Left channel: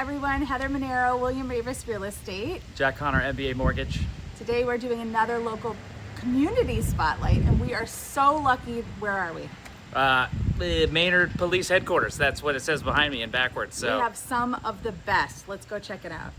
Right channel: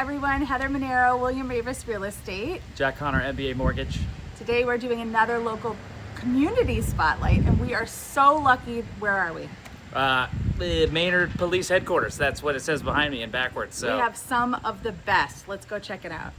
everyone, Heather Monero, William Ravis Real Estate. Jack Connor, MBA Mortgage. Today we're doing another local community spotlight, and we are so lucky. Where are we? The Maynard Police Headquarters. That's what it says behind me and backwards. So we have some of the best. Let's go check it out.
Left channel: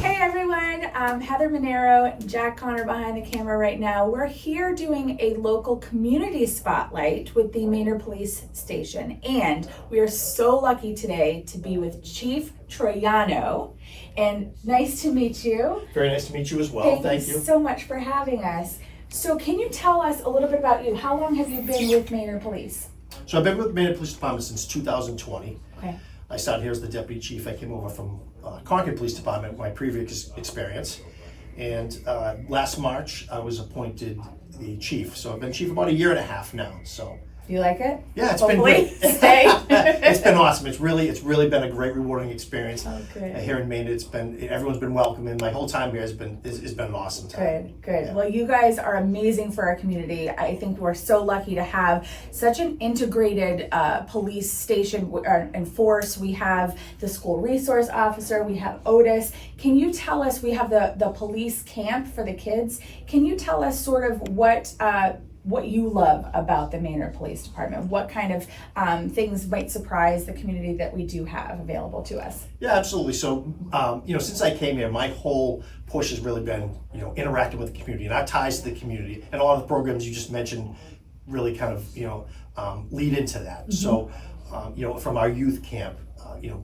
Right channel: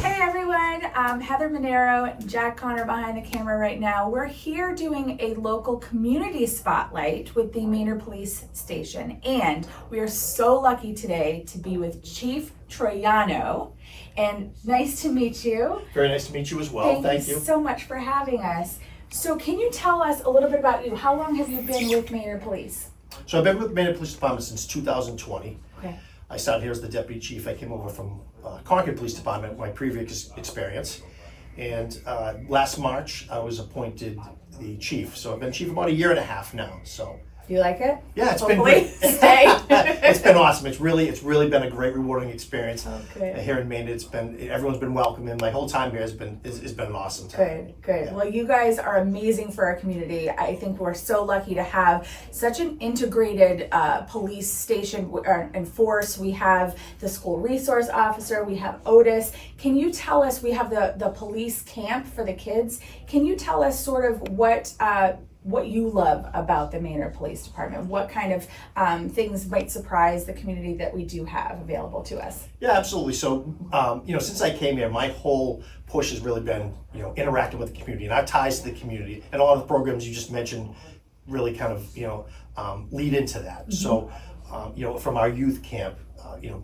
Hey everyone, Heather Monero, Jack Connor behind the camera right now. We're here doing a local community spotlight with the Maynard Police Station, and we are so lucky today to be with Chief Troiano. And nice to meet you. Very nice to meet you as well. Thank you so much for having us. So can you tell us a little bit about you? How long have you been with Maynard Police? So I've been with Maynard Police Department since 2020. Okay. I started here as the deputy chief. I came over from Concord Police Department, my previous experience. And last March, I was appointed the chief. So I've been chief about a year and a half now. So you like it? Yeah, it's been great. It's been awesome. It's really been a great, rewarding experience. Here in Maynard. Everyone's been welcoming. My whole time here has been an awesome time. Good. Yeah. Well, you guys are amazing for our community. I think we're so lucky to have such an integrated police station and force. We have the school resource officer. We have Otis. Can you tell us? We have the police camp for the kids. Can you tell us sort of what you love about the Maynard Police Department? What kind of things might surprise the community that we do have available to us? Yeah, absolutely. So, since I came here, my whole push has really been, interacting with the community and our ties to the community, and a lot of the programs you just mentioned really kind of, lead into that. Mm-hmm. So, from our youth camp,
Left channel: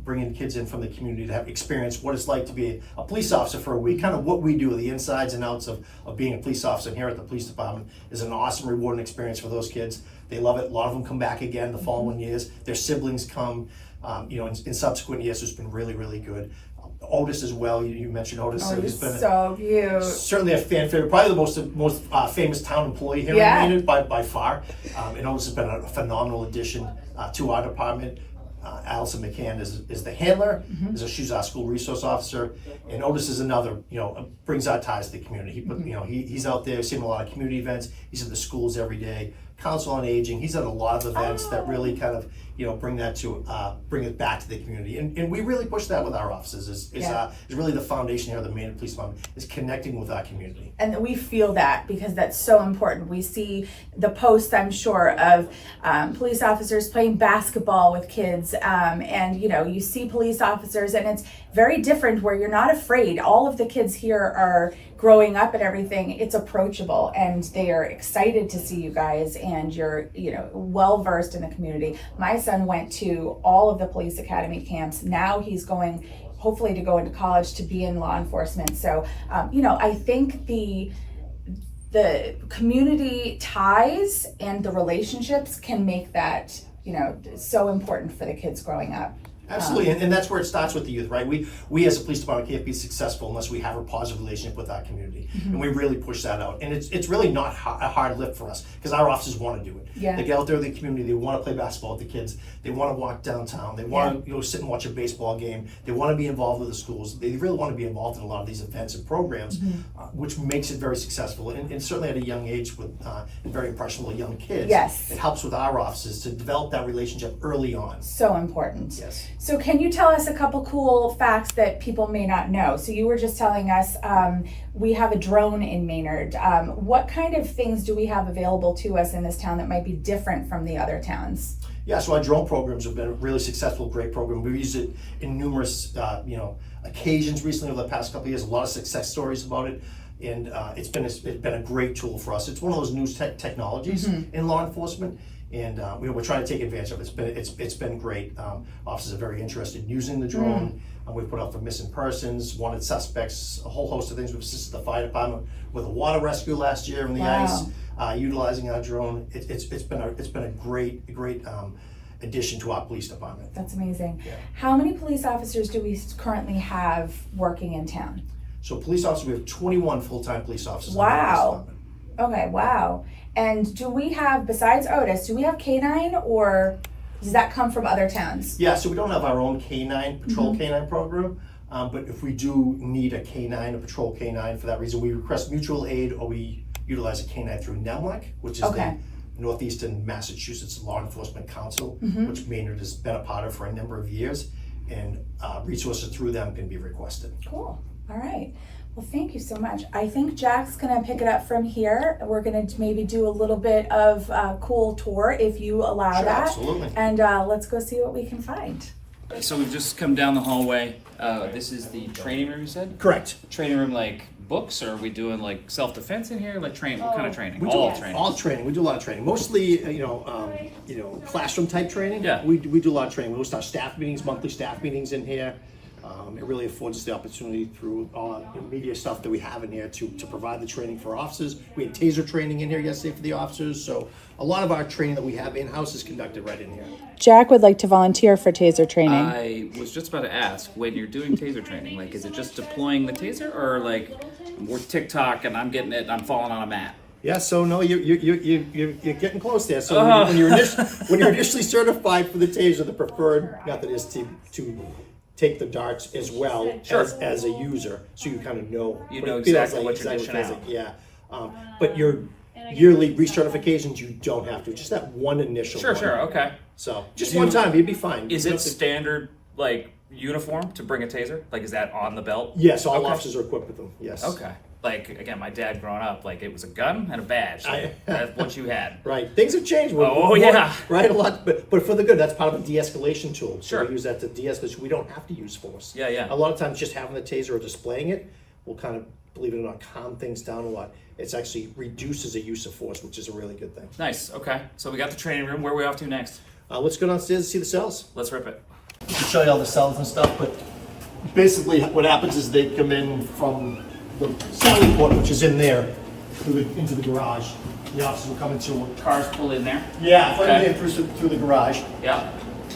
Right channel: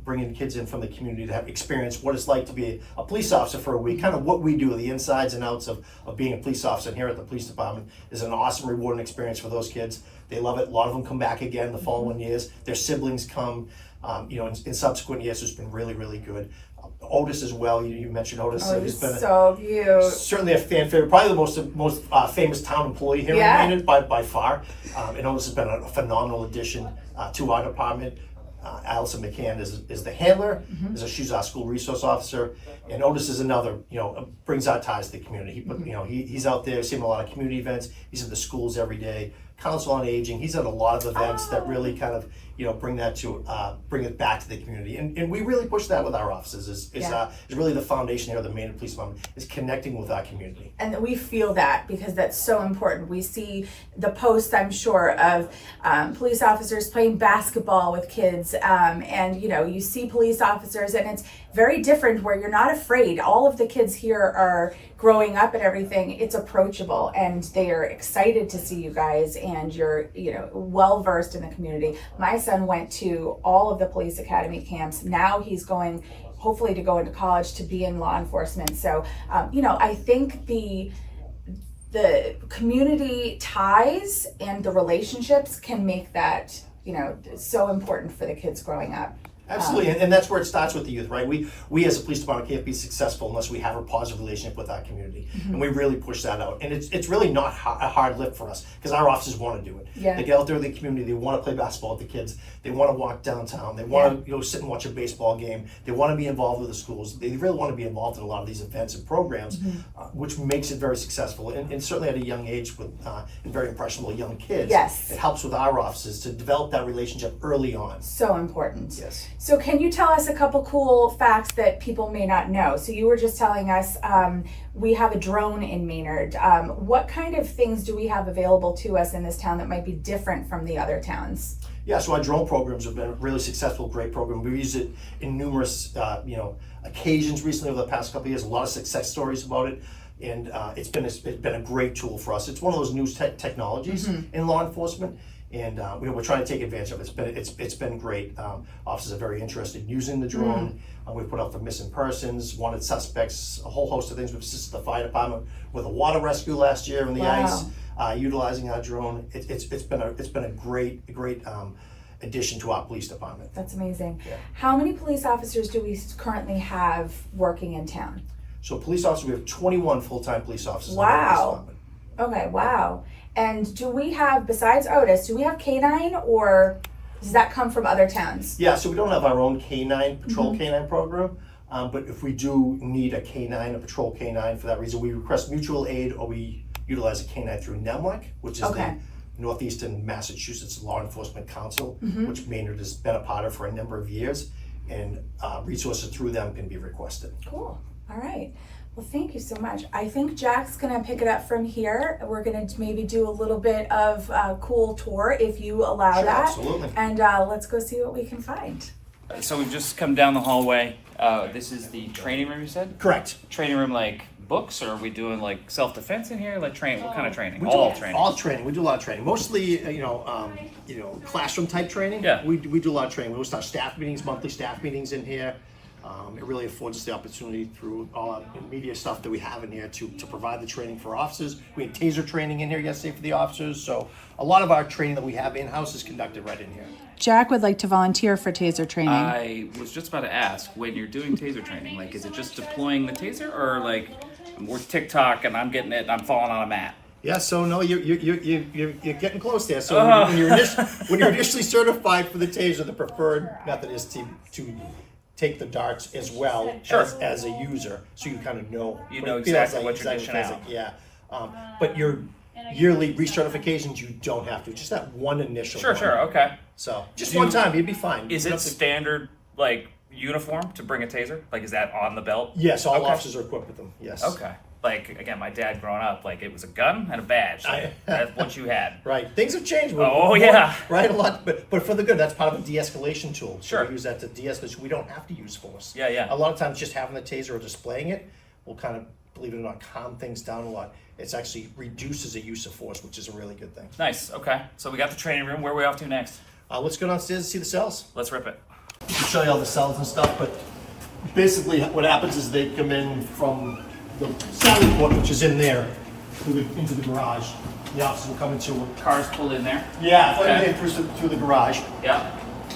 bringing kids in from the community to have experience what it's like to be a police officer for a week, kind of what we do, the insides and outs of being a police officer. And here at the police department is an awesome, rewarding experience for those kids. They love it. A lot of them come back again the following years. Their siblings come, in subsequent years. So it's been really, really good. Otis as well. You mentioned Otis. He's been so cute. Certainly a fan favorite. Probably the most famous town employee here in Maynard by far. And Otis has been a phenomenal addition to our department. Allison McCann is the handler, she's our school resource officer, and Otis is another, brings our ties to the community. He's out there, seeing a lot of community events. He's at the schools every day, Council on Aging. He's at a lot of events that really kind of, bring it back to the community. And we really push that with our offices. Is really the foundation here of the Maynard Police Department, is connecting with our community. And we feel that because that's so important. We see the posts, I'm sure, of police officers playing basketball with kids, and you see police officers, and it's very different where you're not afraid. All of the kids here are growing up and everything. It's approachable, and they are excited to see you guys, and you're well versed in the community. My son went to all of the police academy camps. Now he's going hopefully to go into college to be in law enforcement. So I think the community ties and the relationships can make that so important for the kids growing up. Absolutely, and that's where it starts with the youth, right? We as a police department can't be successful unless we have a positive relationship with our community, and we really push that out. And it's really not a hard lift for us, because our officers want to do it. Yeah. They get out there in the community, they want to play basketball with the kids, they want to walk downtown, they want to sit and watch a baseball game, they want to be involved with the schools, they really want to be involved in a lot of these events and programs, which makes it very successful. And certainly at a young age with and very impressionable young kids, it helps with our officers to develop that relationship early on. So important. Yes. So can you tell us a couple cool facts that people may not know? So you were just telling us we have a drone in Maynard. What kind of things do we have available to us in this town that might be different from the other towns? Yeah, so our drone programs have been a really successful, great program. We've used it in numerous occasions recently over the past couple of years. A lot of success stories about it. And it's been a great tool for us. It's one of those new technologies in law enforcement. And we're trying to take advantage of it. It's been great. Officers are very interested in using the drone. We've put out for missing persons, wanted suspects, a whole host of things. We've assisted the fire department with a water rescue last year in the ice, utilizing our drone. It's been a great addition to our police department. That's amazing. Yeah. How many police officers do we currently have working in town? So police officers, we have 21 full-time police officers. Wow. Okay, wow. And do we have, besides Otis, do we have canine, or does that come from other towns? Yeah, so we don't have our own canine, patrol canine program, but if we do need a canine, a patrol canine, for that reason, we request mutual aid, or we utilize a canine through NEMLAC, which is the Northeastern Massachusetts Law Enforcement Council, which Maynard has been a part of for a number of years, and resources through them can be requested. Cool. All right. Well, thank you so much. I think Jack's gonna pick it up from here. We're gonna maybe do a little bit of a cool tour if you allow Sure, that. absolutely. And let's go see what we can find. So we've just come down the hallway. This is the training room, you said? Correct. Training room like books, or are we doing like self-defense in here? Like what kind of training? We All do training. all training. We do a lot of training. Mostly, classroom type training. Yeah. We do a lot of training. We host our staff meetings, monthly staff meetings in here. It really affords us the opportunity through all the media stuff that we have in here to provide the training for officers. We had taser training in here yesterday for the officers. So a lot of our training that we have in-house is conducted right in here. Jack would like to volunteer for taser training. I was just about to ask, when you're doing taser training, like, is it just deploying the taser, or like we're TikTok and I'm getting it and I'm falling on a mat? Yeah, so no, you're getting close there. So when you're initially certified for the taser, the preferred method is to take the darts as well as a user, so you kind of know exactly what you're dishing out. Yeah, but your yearly recertifications, you don't have to. Just that one initial. Sure, okay. So just one time, you'd be fine. Is it standard like uniform to bring a taser? Like, is that on the belt? Yes, all officers are equipped with them. Yes. Okay. Like, again, my dad growing up, like, it was a gun and a badge. That's what you had. Right. Things have changed. Yeah. Right, a lot, but for the good. That's part of a de-escalation tool. So Sure. we use that to de-escalate. We don't have to use force. Yeah. A lot of times, just having the taser or displaying it will kind of, believe it or not, calm things down a lot. It's actually reduces the use of force, which is a really good thing. Nice. Okay. So we got the training room. Where are we off to next? Let's go downstairs and see the cells. Let's rip it. I can show you all the cells and stuff, but basically what happens is they come in from the sally port, which is in there, into the garage. The officers will come into it. Cars pulled in there. Yeah, Okay. in through the garage. Yeah.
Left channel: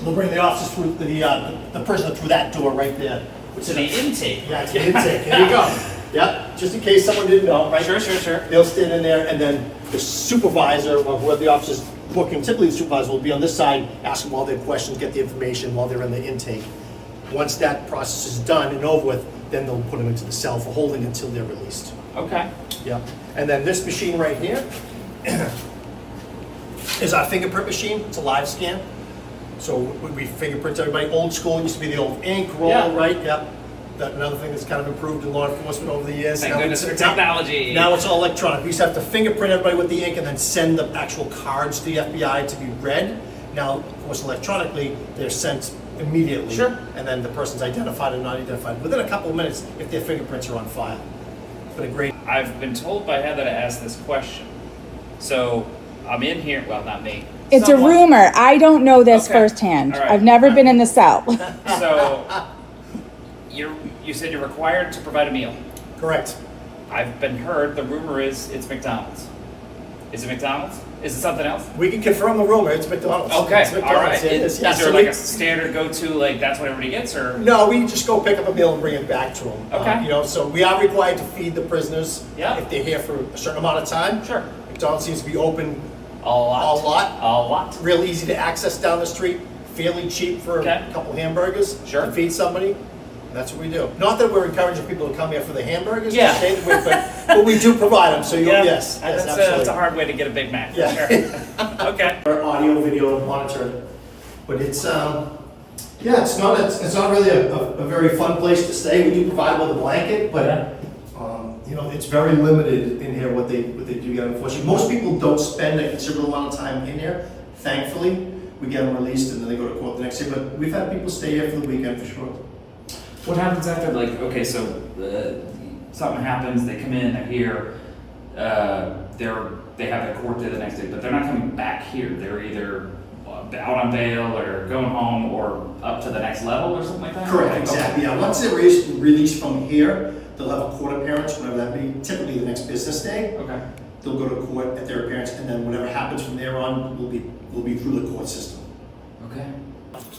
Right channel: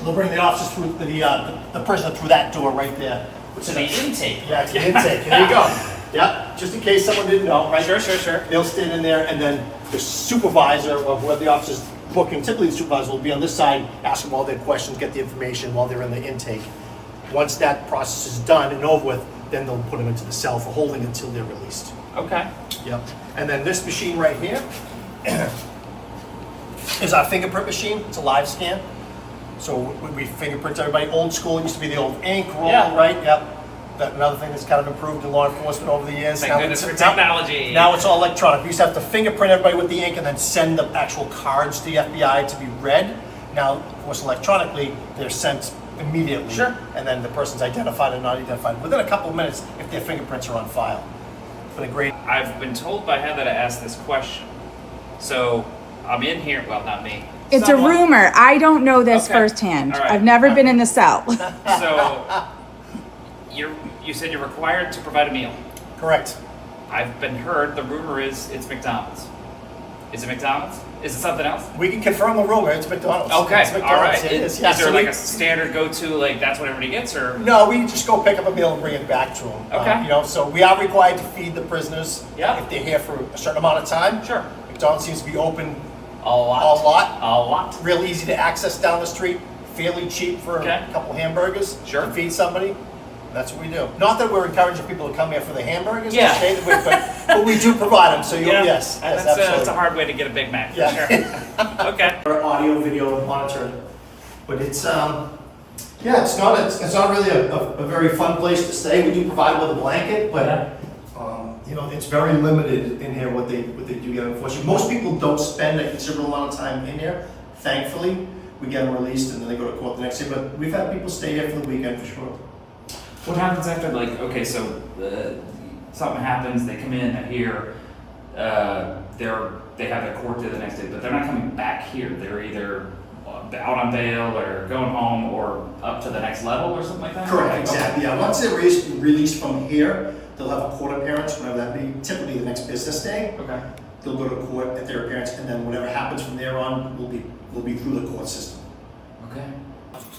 They'll bring the officers through the prisoner through that door right there. So the intake. Yeah, it's the intake. There you go. Yeah, just in case someone didn't know, right? Sure. They'll stand in there, and then the supervisor of where the officer's booking, typically the supervisor will be on this side, ask them all their questions, get the information while they're in the intake. Once that process is done and over with, then they'll put them into the cell for holding until they're released. Okay. Yep. And then this machine right here is our fingerprint machine. It's a live scan. So we fingerprint everybody. Old school used to be the old ink roll, right? Yep. That's another thing that's kind of improved in law enforcement over the years. Thank goodness for technology. Now it's all electronic. We used to have to fingerprint everybody with the ink and then send the actual cards to the FBI to be read. Now, of course, electronically, they're sent immediately. Sure. And then the person's identified or not identified within a couple of minutes if their fingerprints are on file. It's been a great. I've been told by Heather to ask this question. So I'm in here. Well, not me. It's a rumor. I don't know this firsthand. All right. I've never been in the cell. So you said you're required to provide a meal. Correct. I've been heard. The rumor is it's McDonald's. Is it McDonald's? Is it something else? We can confirm the rumor. It's McDonald's. Okay, It's McDonald's. all right. It is. Is Yeah, there so like a standard go-to, like that's what everybody gets, or? No, we just go pick up a meal and bring it back to them. Okay. So we are required to feed the prisoners Yeah. if they're here for a certain amount of time. Sure. McDonald's seems to be open A lot. a lot. Real easy to access down the street. Fairly cheap for Okay. a couple hamburgers. Sure. To feed somebody. That's what we do. Not that we're encouraging people to come here for the hamburgers. Yeah. Okay, but we do provide them. So yes, That's absolutely. a hard way to get a Big Mac. For Yeah. Sure. Okay. Our audio, video monitoring, but it's it's not really a very fun place to stay. We do provide with a blanket, but it's very limited in here what they do get. Unfortunately, most people don't spend a considerable amount of time in here. Thankfully, we get them released and then they go to court the next day. But we've had people stay here for the weekend for sure. What happens after, like, okay, so something happens, they come in, they're here, they have their court day the next day, but they're not coming back here. They're either out on bail or going home or up to the next level or something like that? Correct, exactly. Yeah, once they're released from here, they'll have a court appearance, whenever that be, typically the next business day. Okay. They'll go to court at their appearance, and then whatever happens from there on will be through the court system. Okay.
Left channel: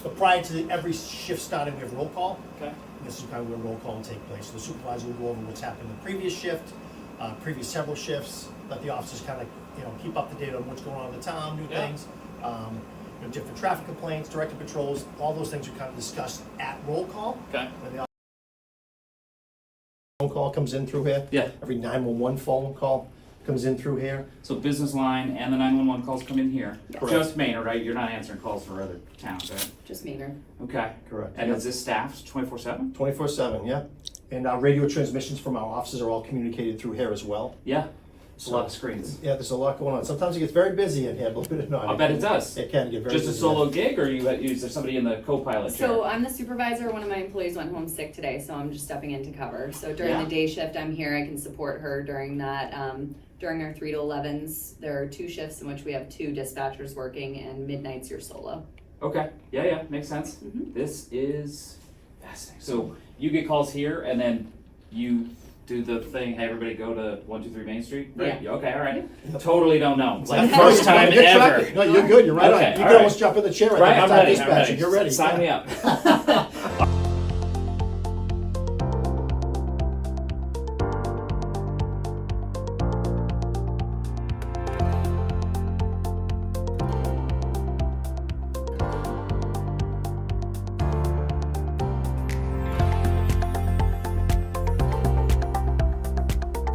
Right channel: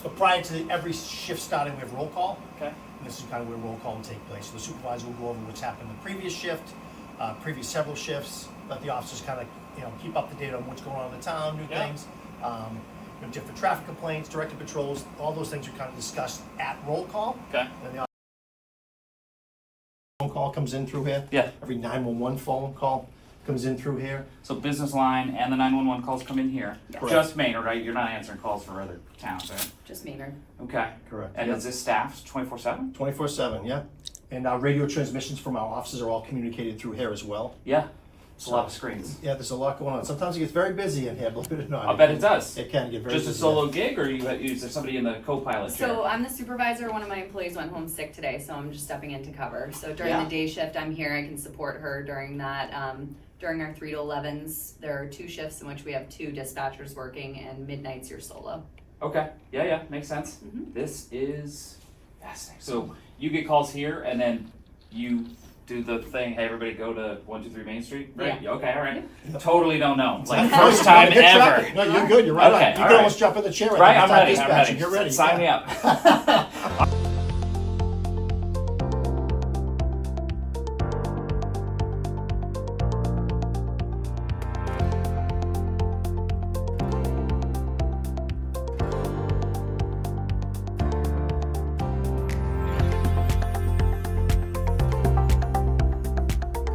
So prior to every shift starting, we have roll call. Okay. And this is kind of where roll call will take place. So the supervisor will go over what's happened in the previous shift, previous several shifts, let the officers kind of, keep up to date on what's going on in the town, new things. Different traffic complaints, directed patrols, all those things are kind of discussed at roll call. Okay. And the phone call comes in through here. Yeah. Every 911 phone call comes in through here. So business line and the 911 calls come in here. Correct. Just Maynard, right? You're not answering calls for other towns, right? Just Maynard. Okay. Correct. And is this staffed 24/7? 24/7, yeah. And our radio transmissions from our offices are all communicated through here as well. Yeah. It's a lot of screens. Yeah, there's a lot going on. Sometimes it gets very busy in here, believe it or not. I bet it does. It can get very Just busy. a solo gig, or is there somebody in the co-pilot chair? So I'm the supervisor. One of my employees went home sick today, so I'm just stepping in to cover. So during Yeah. the day shift, I'm here. I can support her during that. During our 3 to 11s, there are 2 shifts in which we have 2 dispatchers working, and midnights you're solo. Okay. Yeah, makes sense. Mhm. This is fascinating. So you get calls here, and then you do the thing. Hey, everybody, go to 123 Main Street. Right? Yeah. Okay. All right. Totally don't know. It's Like not first time good ever. traffic. No, you're good. You're right Okay, on. You all can right. almost jump in the chair. Right. I'm ready. Dispatcher. I'm ready. You're ready. Sign yeah. me up.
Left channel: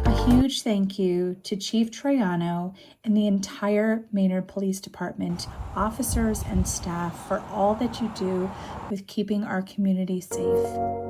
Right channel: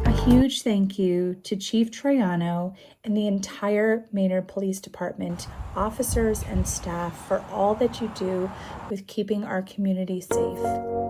A huge thank you to Chief Troiano and the entire Maynard Police Department, officers and staff, for all that you do with keeping our community safe.